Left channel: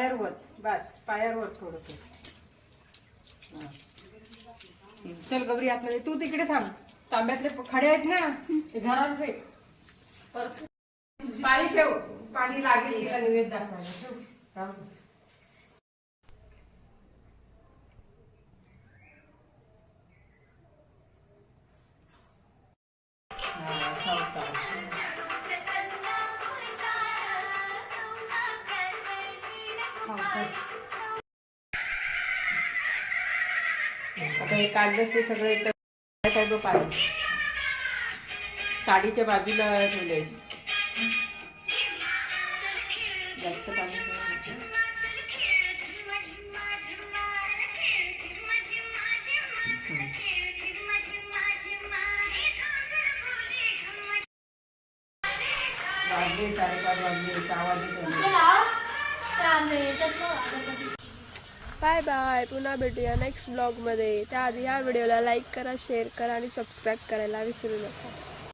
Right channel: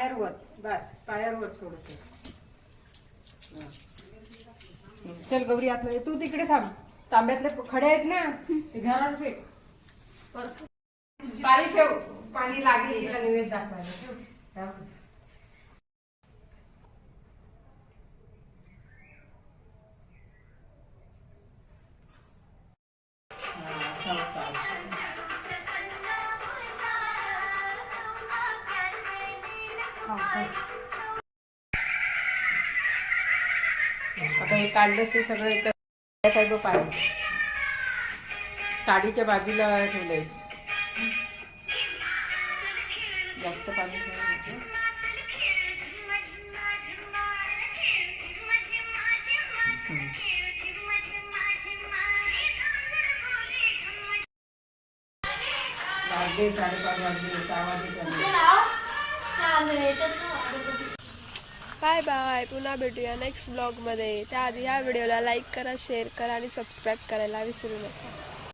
पायावर बस पायावर थोडस. चल गौरी आतमध्ये, तू तिकडे थांब. तांब्यातले खडे आहेत ना ते घरात फेक. पाणी ठेव, पाणी लागेल तिला नैवेद्य दाखवायला. ठेव. आता हे काढलंच ते सगळं एकत्र काय पाय साडीच्या बाजूला ठेवलंय. जास्त पाणी वाजले 5:30 वाजले. 6 वाजले. Bye bye. पुन्हा भेटूया नेक्स्ट ब्लॉगमध्ये. त्याआधी ह्या व्हिडिओला लाईक करा, शेअर करा आणि सबस्क्राईब करायला विसरू नका.